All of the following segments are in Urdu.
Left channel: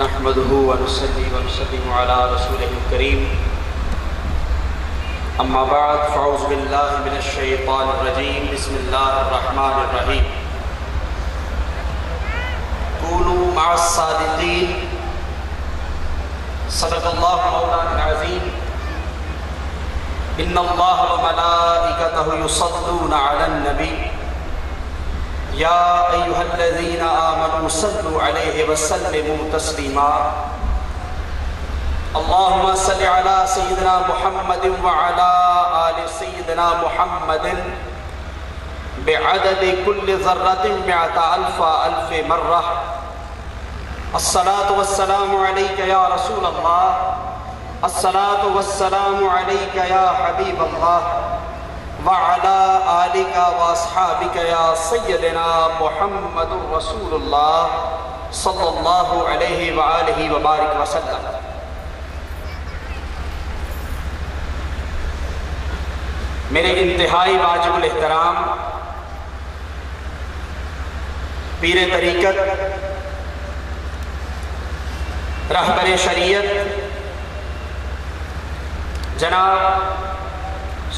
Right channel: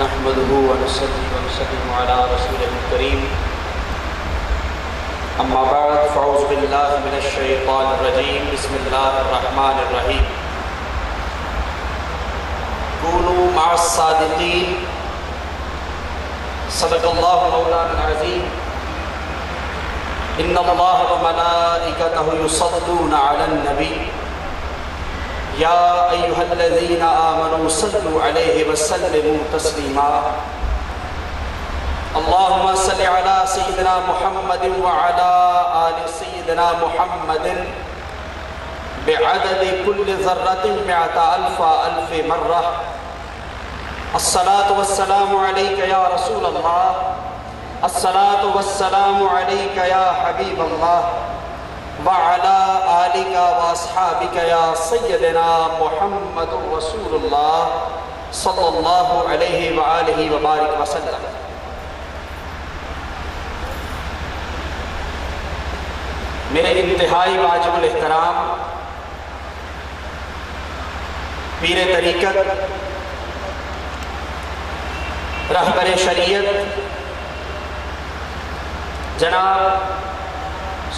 نحمده ونصلي ونسلم على رسوله الكريم اما بعد فاعوذ بالله من الشيطان الرجيم بسم الله الرحمن الرحيم كونوا مع الصادقين صدق الله مولانا العظيم ان الله وملائكته يصلون على النبي یا ایھا الذین آمنوا صلوا علیہ وسلموا تسلیما اللہم صل علی سیدنا محمد وعلی آل سیدنا محمد بعدد کل ذرۃ مئۃ الف مرہ الصلاة والسلام علیک یا رسول اللہ الصلاة والسلام علیک یا حبیب اللہ وعلى آلك واصحابك يا سيدنا محمد رسول الله صلى الله عليه وآله وبارك وسلم میرے انتہائی واجب الاحترام پیر طریقت رہبر شریعت جناب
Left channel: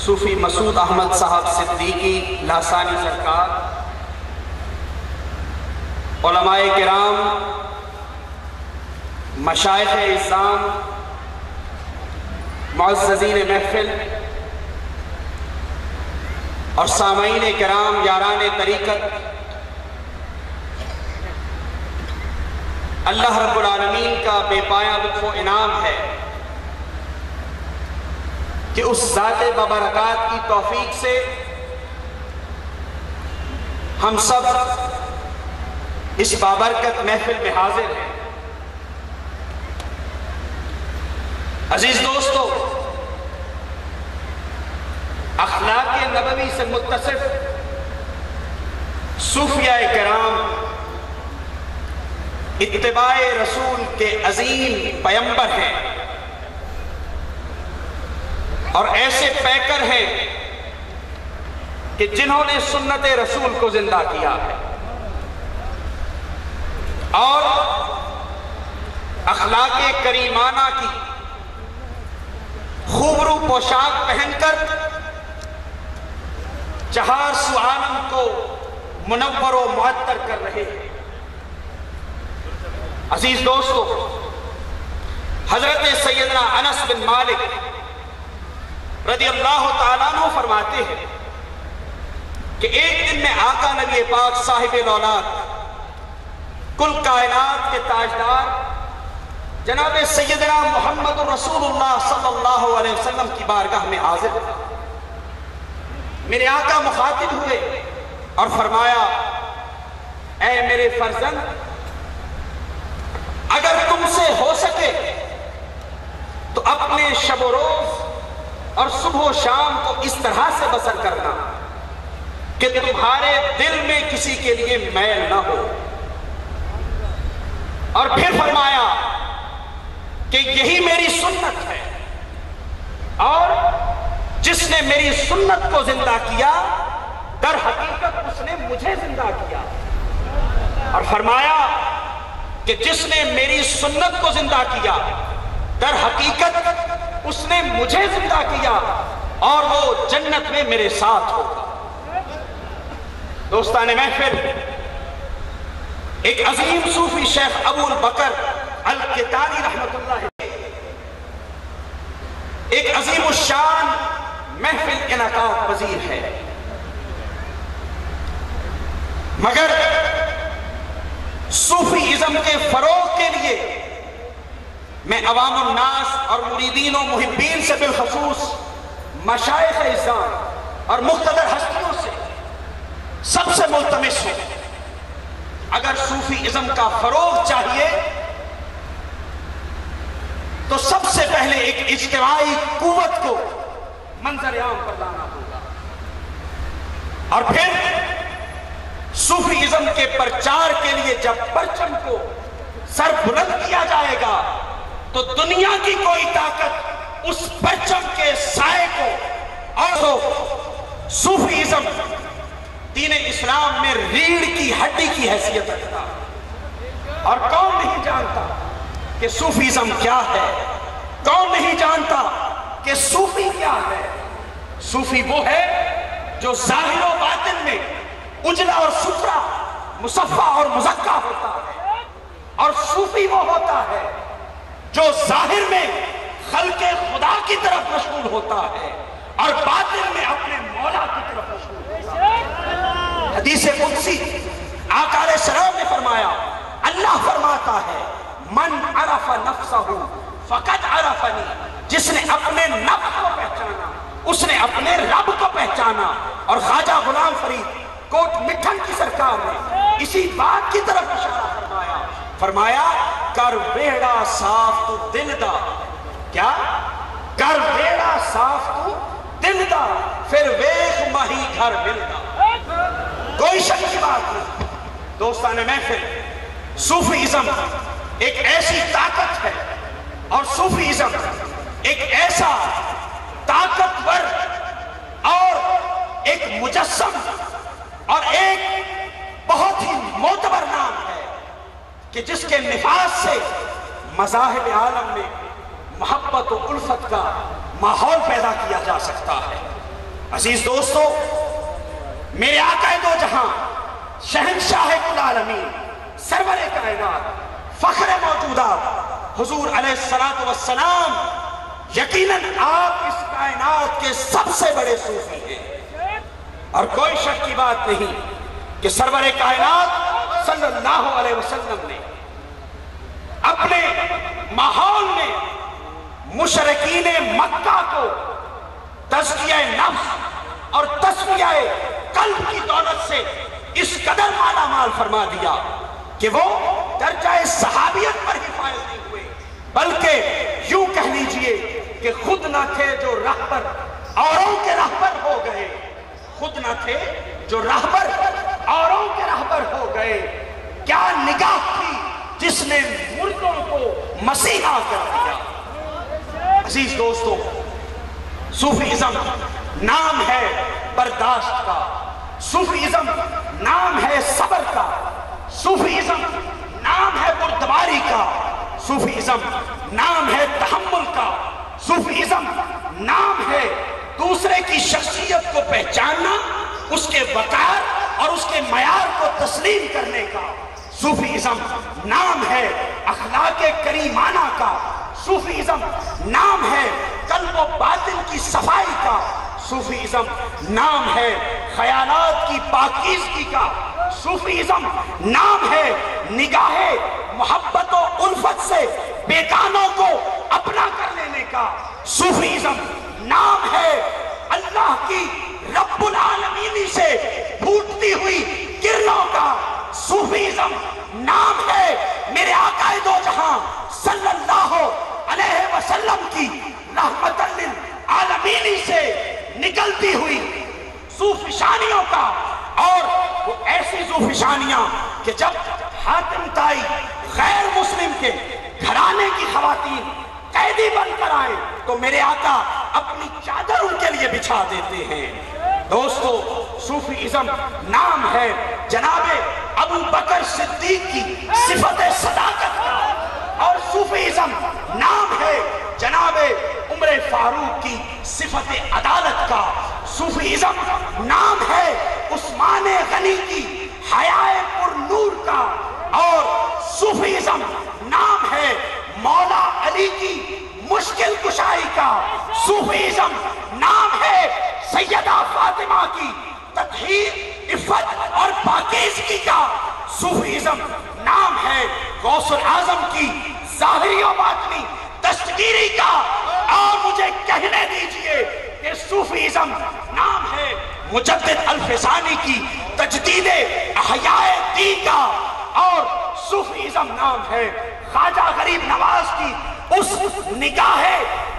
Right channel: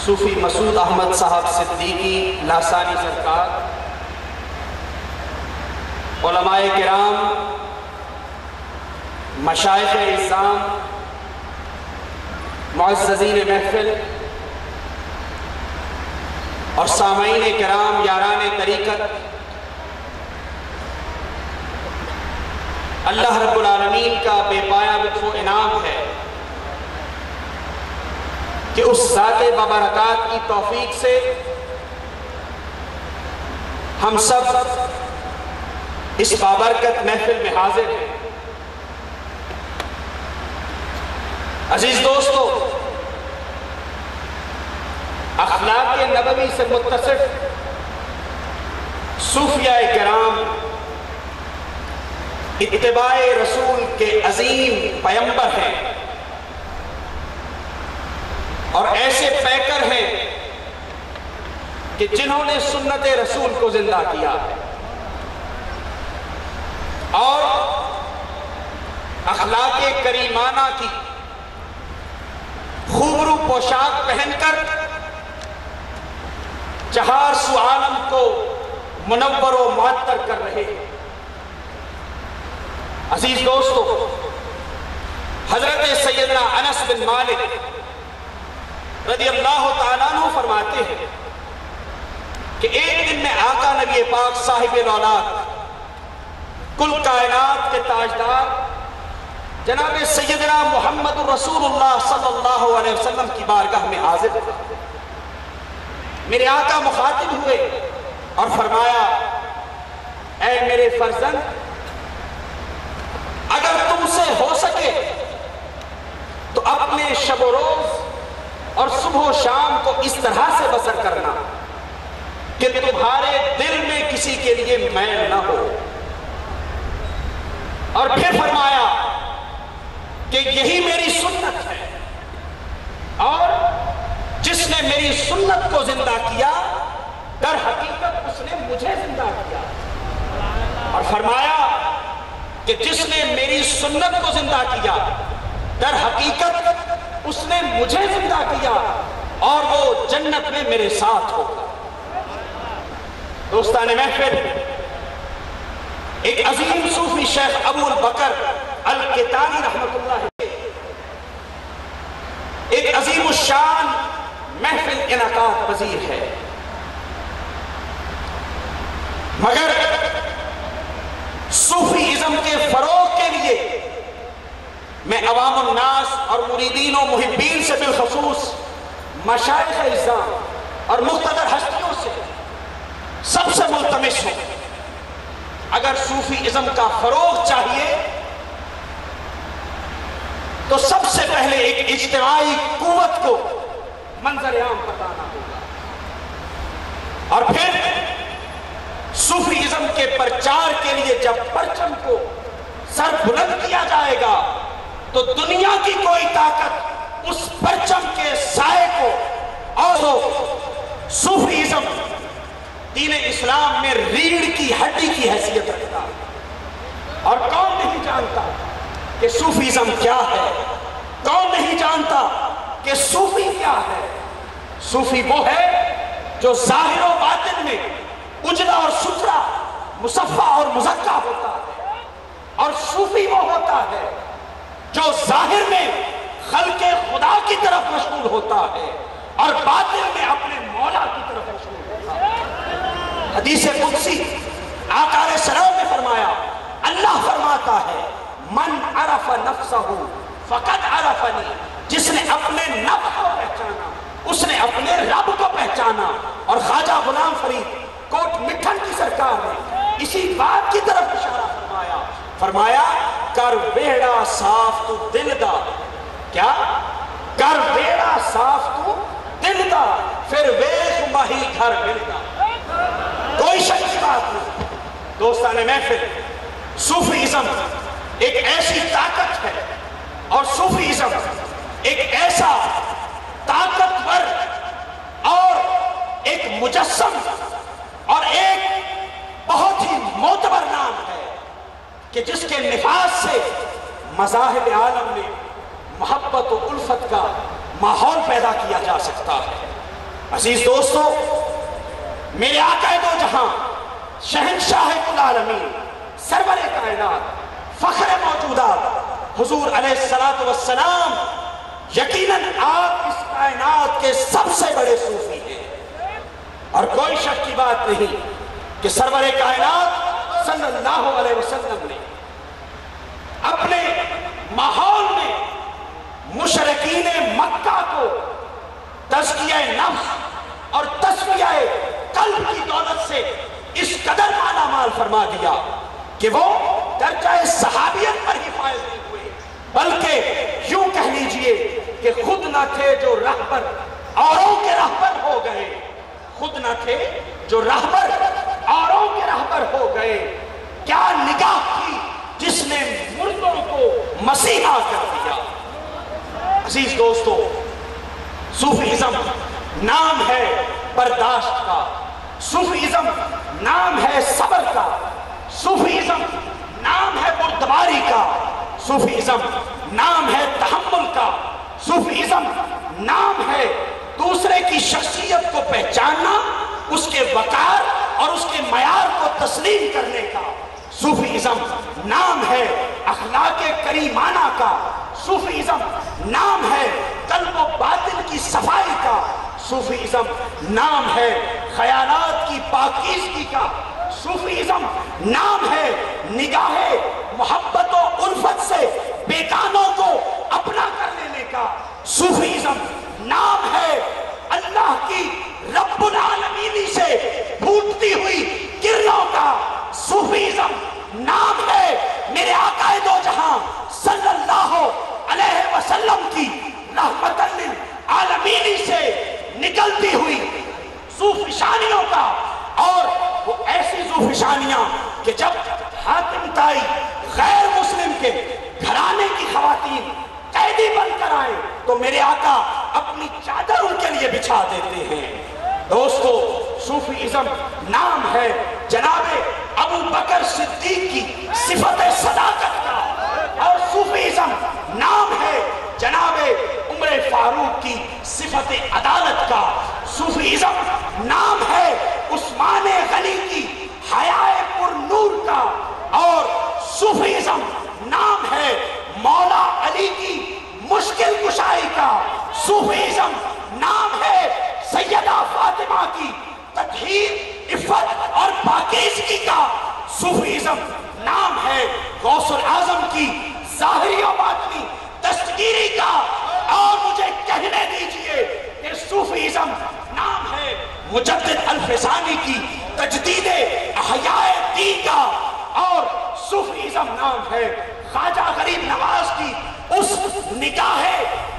صوفی مسعود احمد صاحب صدیقی لاسانی سرکار، علماء کرام، مشائخ اعظام، معززین محفل اور سامعین کرام یاران طریقت، اللہ رب العالمین کا بے پایہ لطف و انعام ہے کہ اس ذات بابرکات کی توفیق سے ہم سب اس بابرکت محفل میں حاضر ہیں۔ عزیز دوستو، اخلاق نبوی سے متصف صوفیاء کرام اتباع رسول کے عظیم پیمبر ہیں اور ایسے پیکر ہیں کہ جنہوں نے سنت رسول کو زندہ کیا ہے اور اخلاق کریمانہ کی خوبرو پوشاک پہن کر چہار سو عالم کو منور و معطر کر رہے ہیں۔ عزیز دوستو، حضرت سیدنا انس بن مالک رضی اللہ تعالیٰ عنہ فرماتے ہیں کہ ایک دن میں آقا نبی پاک صاحب الاولاد کل کائنات کے تاجدار جناب سیدنا محمد رسول اللہ صلی اللہ علیہ وسلم کی بارگاہ میں حاضر تھے۔ میرے آقا مخاطب ہوئے اور فرمایا، اے میرے فرزند، اگر تم سے ہو سکے تو اپنے شب و روز اور صبح و شام کو اس طرح سے بسر کرنا کہ تمہارے دل میں کسی کے لیے میل نہ ہو، اور پھر فرمایا کہ یہی میری سنت ہے، اور جس نے میری سنت کو زندہ کیا در حقیقت اس نے مجھے زندہ کیا، اور فرمایا کہ جس نے میری سنت کو زندہ کیا در حقیقت اس نے مجھے زندہ کیا اور وہ جنت میں میرے ساتھ ہوگا۔ دوستان محفل، ایک عظیم صوفی شیخ ابو البکر الکتانی رحمت اللہ ایک عظیم الشان محفل انعقاد پذیر ہے، مگر صوفی ازم کے فروغ کے لیے میں عوام الناس اور مریدین و محبین سے بالخصوص مشائخ اعظام اور مقتدر ہستیوں سے سب سے ملتمس ہوں، اگر صوفی ازم کا فروغ چاہیے تو سب سے پہلے ایک اجتماعی قوت کو منظر عام پر لانا ہوگا، اور پھر صوفی ازم کے پرچار کے لیے جب پرچم کو سر بلند کیا جائے گا تو دنیا کی کوئی طاقت اس پرچم کے سائے کو اور صوفی ازم دین اسلام میں ریڑھ کی ہڈی کی حیثیت رکھتا، اور کون نہیں جانتا کہ صوفیزم کیا ہے؟ کون نہیں جانتا کہ صوفی کیا ہے؟ صوفی وہ ہے جو ظاہر و باطن میں اجلا اور ستھرا، مصفا اور مزکا ہوتا ہے، اور صوفی وہ ہوتا ہے جو ظاہر میں خلق خدا کی طرف مشغول ہوتا ہے اور باطن میں اپنے مولا کی طرف مشغول ہوتا ہے۔ حدیث قدسی آقا علیہ السلام نے فرمایا، اللہ فرماتا ہے من عرف نفسہ فقط عرفنی، جس نے اپنے نفس کو پہچانا اس نے اپنے رب کو پہچانا۔ اور خواجہ غلام فرید کوٹ مٹھن کی سرکار نے اسی بات کی طرف اشارہ فرمایا کر ویڑا صاف تو دل دا، کیا؟ کر ویڑا صاف تو دل دا، پھر ویخ ماہی گھر ملدا۔ کوئی شک کی بات نہیں دوستان محفل، صوفیزم ایک ایسی طاقت ہے اور صوفیزم ایک ایسا طاقتور اور ایک مجسم اور ایک بہت ہی معتبر نام ہے کہ جس کے نفاذ سے مذاہب عالم میں محبت و الفت کا ماحول پیدا کیا جا سکتا ہے۔ عزیز دوستو، میرے آقا دو جہاں، شہنشاہ کل عالمین، سرور کائنات، فخر موجودات حضور علیہ السلام یقیناً آپ اس کائنات کے سب سے بڑے صوفی ہیں، اور کوئی شک کی بات نہیں کہ سرور کائنات صلی اللہ علیہ وسلم نے اپنے ماحول میں مشرکین مکہ کو تزکیہ نفس اور تصفیہ قلب کی دولت سے اس قدر مالا مال فرما دیا کہ وہ درجہ صحابیت پر ہی فائز نہیں ہوئے، بلکہ یوں کہہ لیجئے کہ خود نہ تھے جو رہبر اوروں کے رہبر ہو گئے، خود نہ تھے جو رہبر اوروں کے رہبر ہو گئے۔ کیا نگاہ تھی جس نے مردوں کو مسیحا کر دیا۔ عزیز دوستو، صوفیزم نام ہے برداشت کا، صوفیزم نام ہے صبر کا، صوفیزم نام ہے بردباری کا، صوفیزم نام ہے تحمل کا، صوفیزم نام ہے دوسرے کی شخصیت کو پہچاننا، اس کے وقار اور اس کے معیار کو تسلیم کرنے کا، صوفیزم نام ہے اخلاق کریمانہ کا، صوفیزم نام ہے قلب و باطن کی صفائی کا، صوفیزم نام ہے خیالات کی پاکیزگی کا، صوفیزم نام ہے نگاہ محبت و الفت سے بیگانوں کو اپنا کر لینے کا، صوفیزم نام ہے اللہ کی رب العالمینی سے پھوٹتی ہوئی کرنوں کا، صوفیزم نام ہے میرے آقا دو جہاں صلی اللہ علیہ وسلم کی رحمت للعالمینی سے نکلتی ہوئی صوفشانیوں کا، اور وہ ایسی صوفشانیاں کہ جب حاتم طائی غیر مسلم کے گھرانے کی خواتین قیدی بن کر آئیں تو میرے آقا اپنی چادر ان کے لیے بچھا دیتے ہیں۔ دوستو، صوفیزم نام ہے جناب ابو بکر صدیق کی صفت صداقت کا، اور صوفیزم نام ہے جناب عمر فاروق کی صفت عدالت کا، صوفیزم نام ہے عثمان غنی کی حیائے پر نور کا، اور صوفیزم نام ہے مولا علی کی مشکل کشائی کا، صوفیزم نام ہے سیدہ فاطمہ کی تطہیر، عفت اور پاکیزگی کا، صوفیزم نام ہے غوث الاعظم کی ظاہری و باطنی دستگیری کا، اور مجھے کہنے دیجئے کہ صوفیزم نام ہے مجدد الفسانی کی تجدید احیاء دین کا، اور صوفیزم نام ہے خواجہ غریب نواز کی اس نگاہ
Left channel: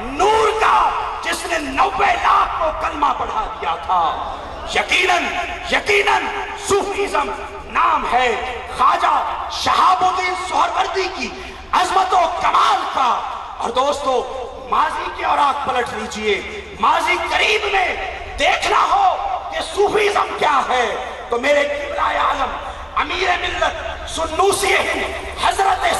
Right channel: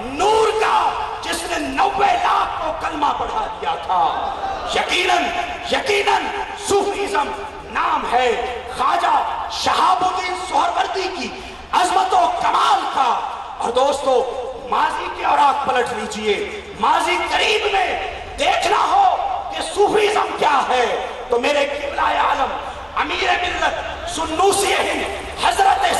نور کا جس نے 90 لاکھ کو کلمہ پڑھا دیا تھا۔ یقیناً صوفیزم نام ہے خواجہ شہاب الدین سہروردی کی عظمت و کمال کا۔ اور دوستو، ماضی کے اوراق پلٹ لیجئے، ماضی قریب میں دیکھنا ہو کہ صوفیزم کیا ہے تو میرے قبلہ عالم امیر ملت سنوسی ہند حضرت